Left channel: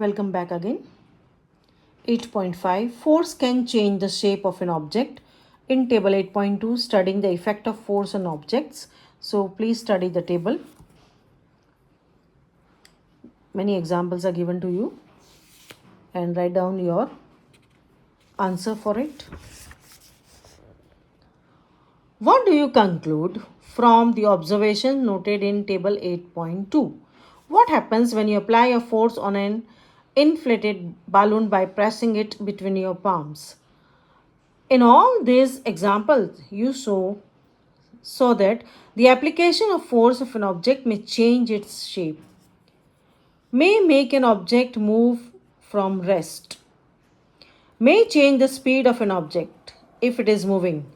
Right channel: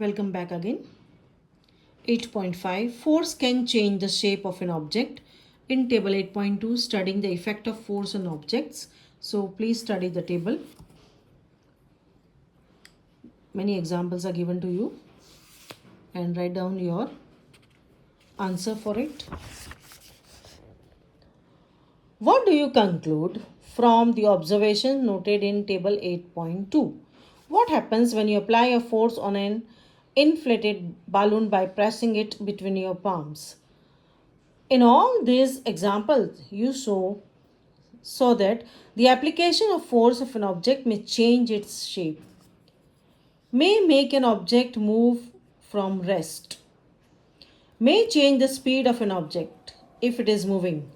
Welcome back again. 8.5 Force can change the shape of an object. In table 8.2, studying the effect of force on objects. So please study the table. Many examples are given to you and write down your answer for it. What do you conclude from the observation noted in table 8.2? What happens when you apply a force on an inflated balloon by pressing it between your palms? In all these examples, you saw that the application of force of an object may change its shape, may make an object move from rest, may change the speed of an object if it is moving,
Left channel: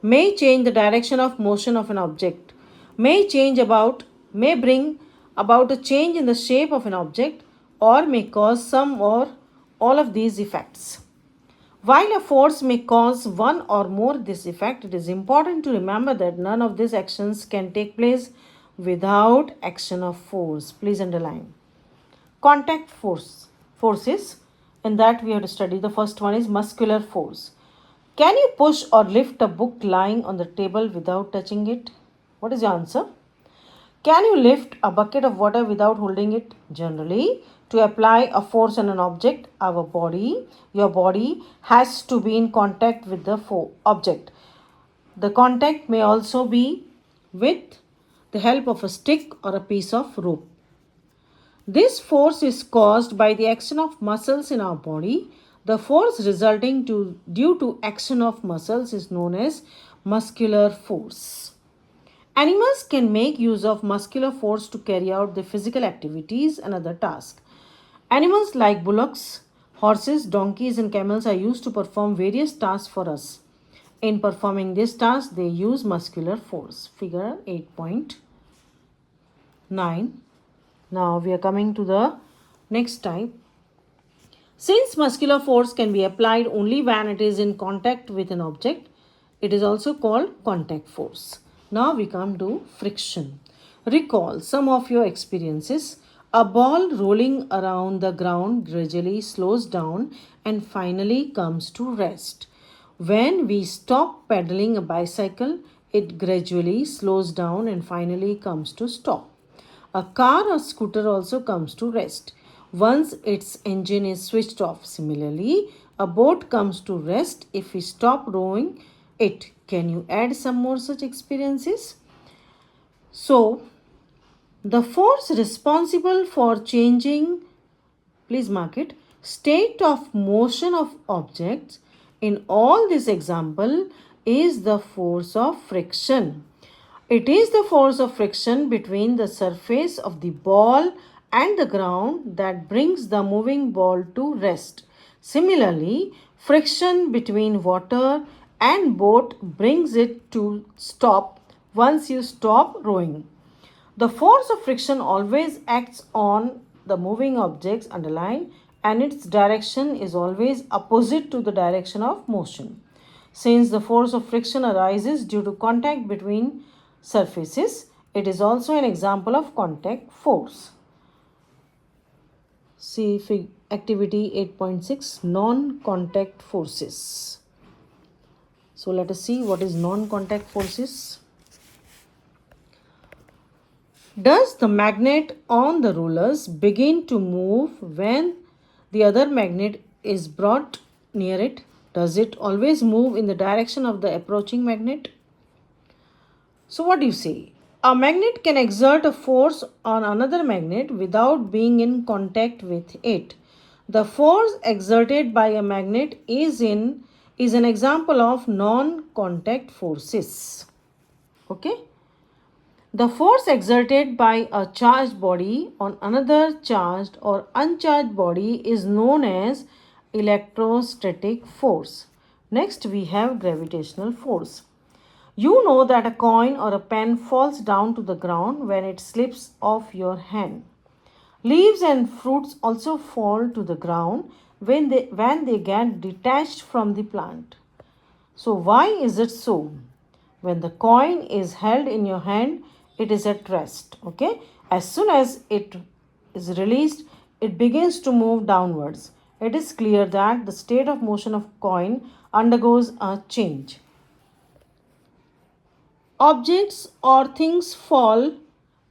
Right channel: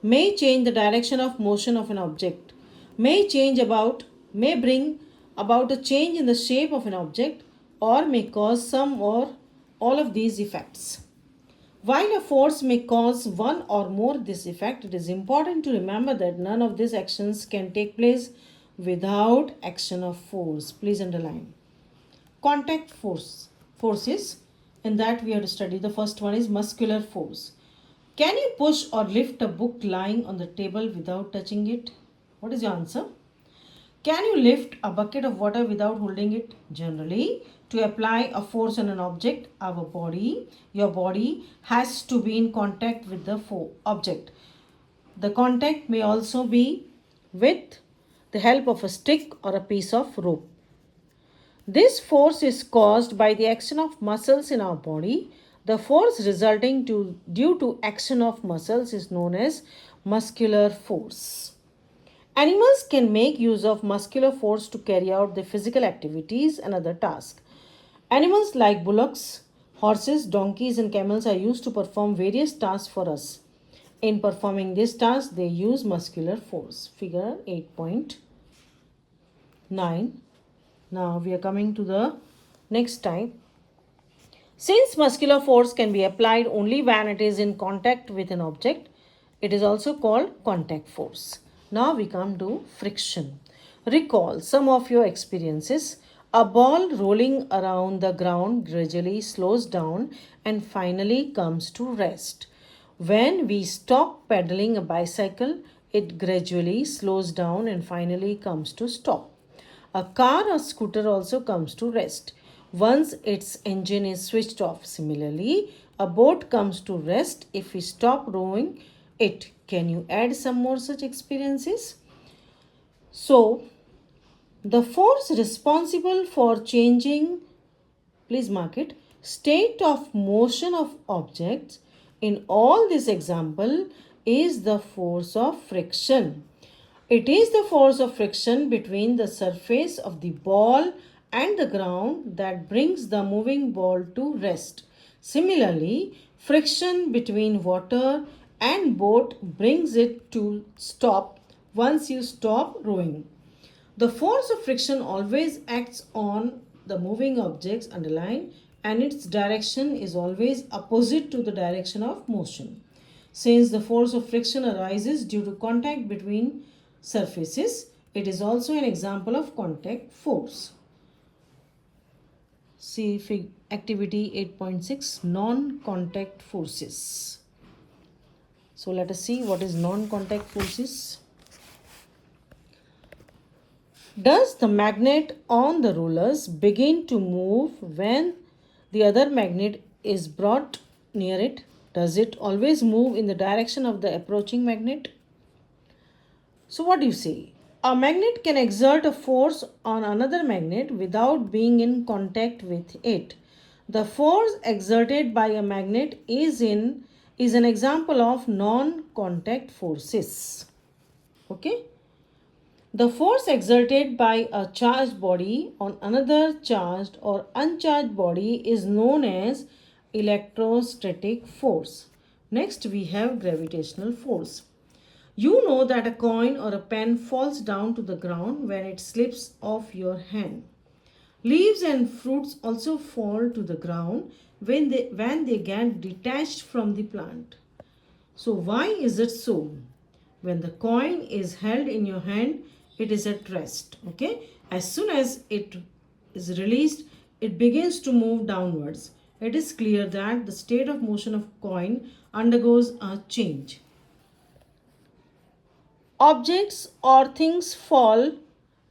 may change the direction of motion of an object, may bring about a change in the shape of an object, or may cause some or all of these effects. While a force may cause one or more this effect, it is important to remember that none of these actions can take place without action of force. Please underline. Contact forces, in that we have to study. The first one is muscular force. Can you push or lift a book lying on the table without touching it? What is your answer? Can you lift a bucket of water without holding it? Generally, to apply a force on an object, your body has to be in contact with the object. The contact may also be with the help of a stick or a piece of rope. This force is caused by the action of muscles in our body. The force resulting due to action of muscles is known as muscular force. Animals can make use of muscular force to carry out their physical activities and other tasks. Animals like bullocks, horses, donkeys, and camels are used to perform various tasks for us. In performing these tasks, they use muscular force. Figure 8.9. Now we are coming to the next type. Since muscular force can be applied only when it is in contact with an object, it is also called contact force. Now we come to friction. Recall some of your experiences. A ball rolling around the ground gradually slows down and finally comes to rest. When we stop pedaling a bicycle, it gradually slows down and finally comes to stop. A car or scooter also comes to rest once its engine is switched off. Similarly, a boat comes to rest if we stop rowing it. Can you add some more such experiences? So, the force responsible for changing, please mark it, state of motion of objects in all this example is the force of friction. It is the force of friction between the surface of the ball and the ground that brings the moving ball to rest. Similarly, friction between water and boat brings it to stop once you stop rowing. The force of friction always acts on the moving objects underlined, and its direction is always opposite to the direction of motion. Since the force of friction arises due to contact between surfaces, it is also an example of contact force. See activity 8.6 non-contact forces. So let us see what is non-contact forces. Does the magnet on the rulers begin to move when the other magnet is brought near it? Does it always move in the direction of the approaching magnet? So what do you say? A magnet can exert a force on another magnet without being in contact with it. The force exerted by a magnet is an example of non-contact forces. Okay? The force exerted by a charged body on another charged or uncharged body is known as electrostatic force. Next, we have gravitational force. You know that a coin or a pen falls down to the ground when it slips off your hand. Leaves and fruits also fall to the ground when they get detached from the plant. So why is it so? When the coin is held in your hand, it is at rest. Okay? As soon as it is released, it begins to move downwards. It is clear that the state of motion of coin undergoes a change. Objects or things fall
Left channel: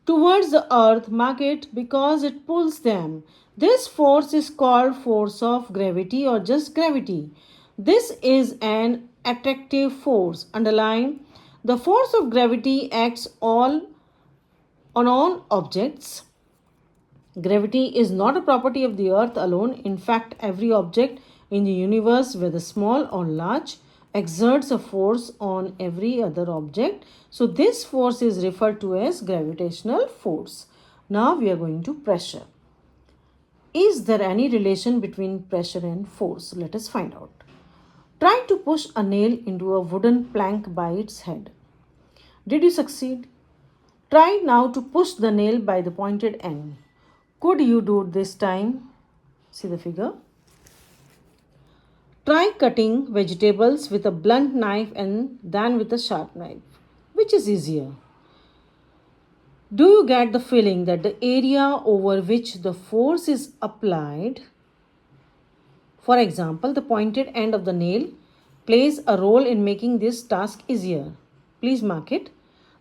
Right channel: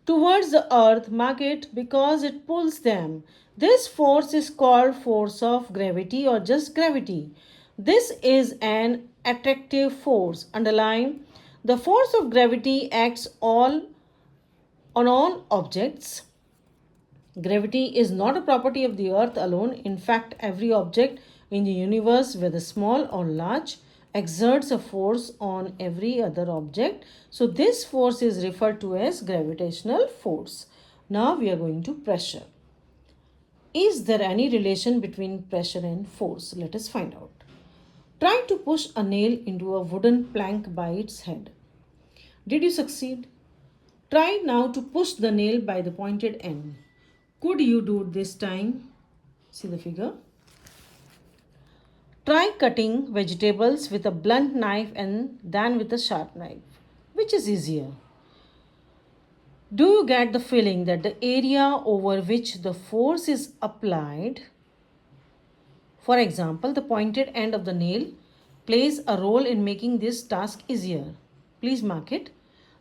towards the earth magnet because it pulls them. This force is called force of gravity or just gravity. This is an attractive force. Underline, the force of gravity acts on all objects. Gravity is not a property of the earth alone. In fact, every object in the universe, whether small or large, exerts a force on every other object. So this force is referred to as gravitational force. Now we are going to pressure. Is there any relation between pressure and force? Let us find out. Try to push a nail into a wooden plank by its head. Did you succeed? Try now to push the nail by the pointed end. Could you do it this time? See the figure. Try cutting vegetables with a blunt knife and than with a sharp knife. Which is easier? Do you get the feeling that the area over which the force is applied, for example, the pointed end of the nail, plays a role in making this task easier? Please mark it.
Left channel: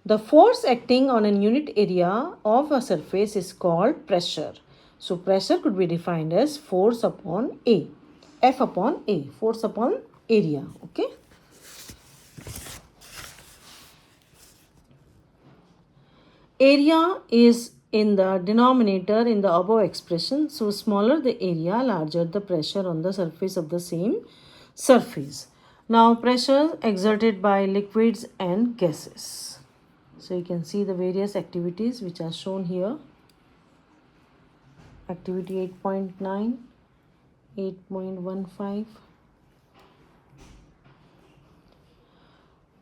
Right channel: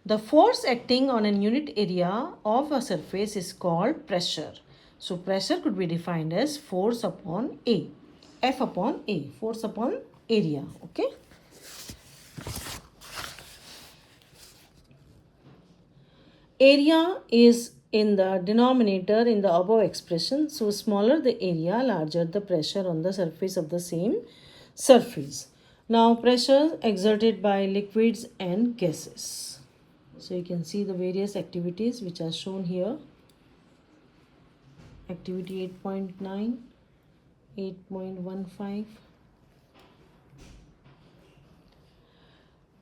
The force acting on a unit area of a surface is called pressure. So pressure could be defined as force upon A. F upon A, force upon area. Okay. Area is in the denominator in the above expression. So smaller the area, larger the pressure on the surface of the same surface. Now pressure exerted by liquids and gases. So you can see the various activities which are shown here. Activity 8.9, 8.15.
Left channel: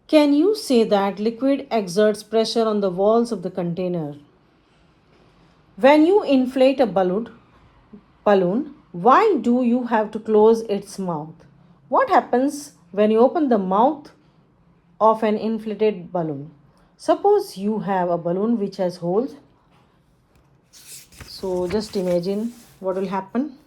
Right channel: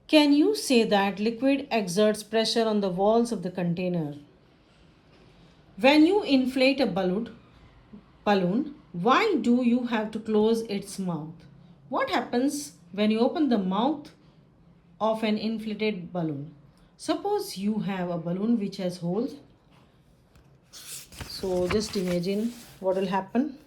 Can you say that liquid exerts pressure on the walls of the container? When you inflate a balloon, why do you have to close its mouth? What happens when you open the mouth of an inflated balloon? Suppose you have a balloon which has holes. So just imagine what will happen.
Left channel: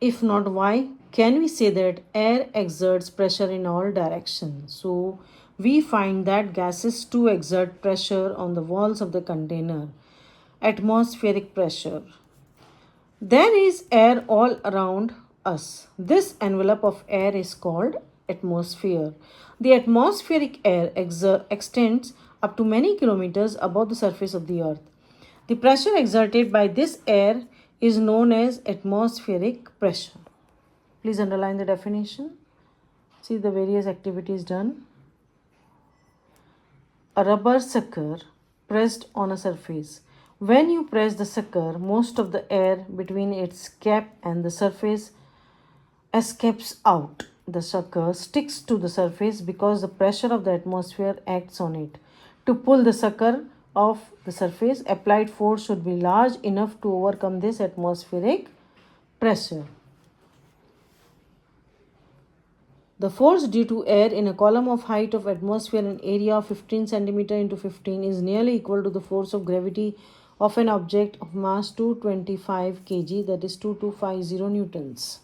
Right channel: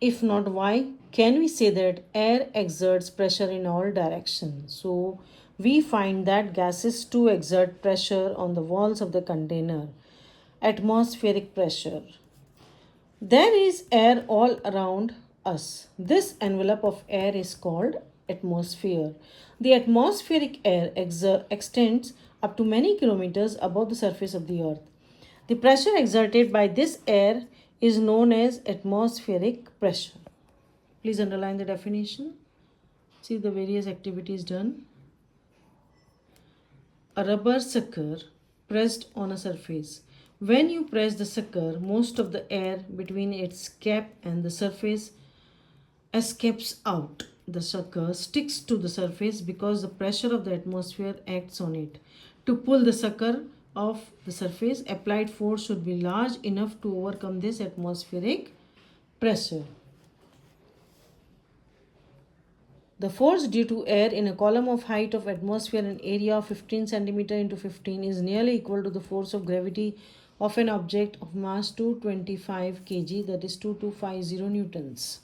If not, why? Can we say that air exerts pressure in all directions? So we find that gases too exert pressure on the walls of the container. Atmospheric pressure. There is air all around us. This envelope of air is called atmosphere. The atmospheric air extends up to many kilometers above the surface of the earth. The pressure exerted by this air is known as atmospheric pressure. Please underline the definition. See the various activities done. A rubber sucker pressed on a surface. When you press the sucker, most of the air between its cap and the surface escapes out. The sucker sticks to the surface because the pressure of the atmosphere acts on it. To pull the sucker off the surface, applied force should be large enough to overcome this atmospheric pressure. The force due to air in a column of height of atmosphere and area of 15 centimeter into 15 is nearly equal to the force of gravity of an object of mass 225 kg, that is 2250 newtons.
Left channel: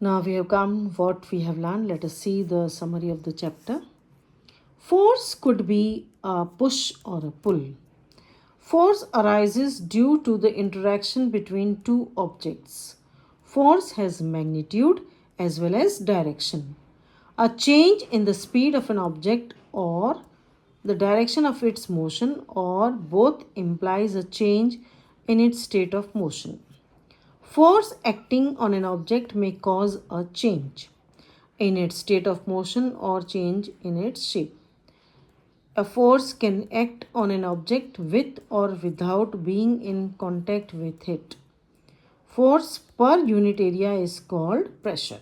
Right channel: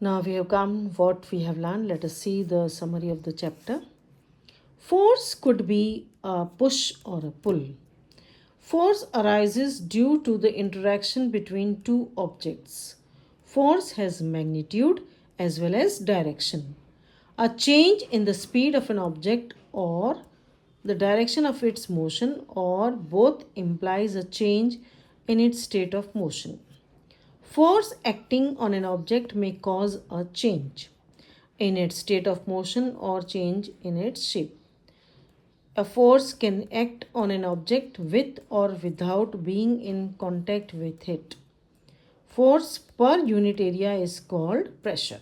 Now we have come what we have learned. Let us see the summary of the chapter. Force could be a push or a pull. Force arises due to the interaction between two objects. Force has magnitude as well as direction. A change in the speed of an object or the direction of its motion or both implies a change in its state of motion. Force acting on an object may cause a change in its state of motion or change in its shape. A force can act on an object with or without being in contact with it. Force per unit area is called pressure.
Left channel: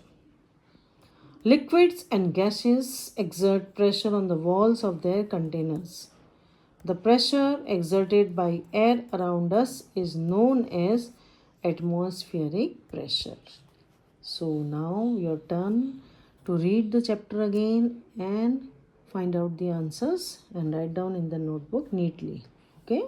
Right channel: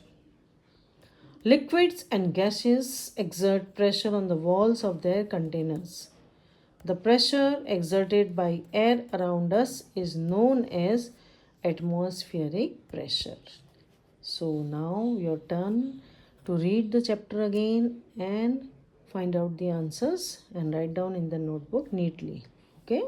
Liquids and gases exert pressure on the walls of their containers. The pressure exerted by air around us is known as atmospheric pressure. So now your turn to read the chapter again and find out the answers and write down in the notebook neatly. Okay.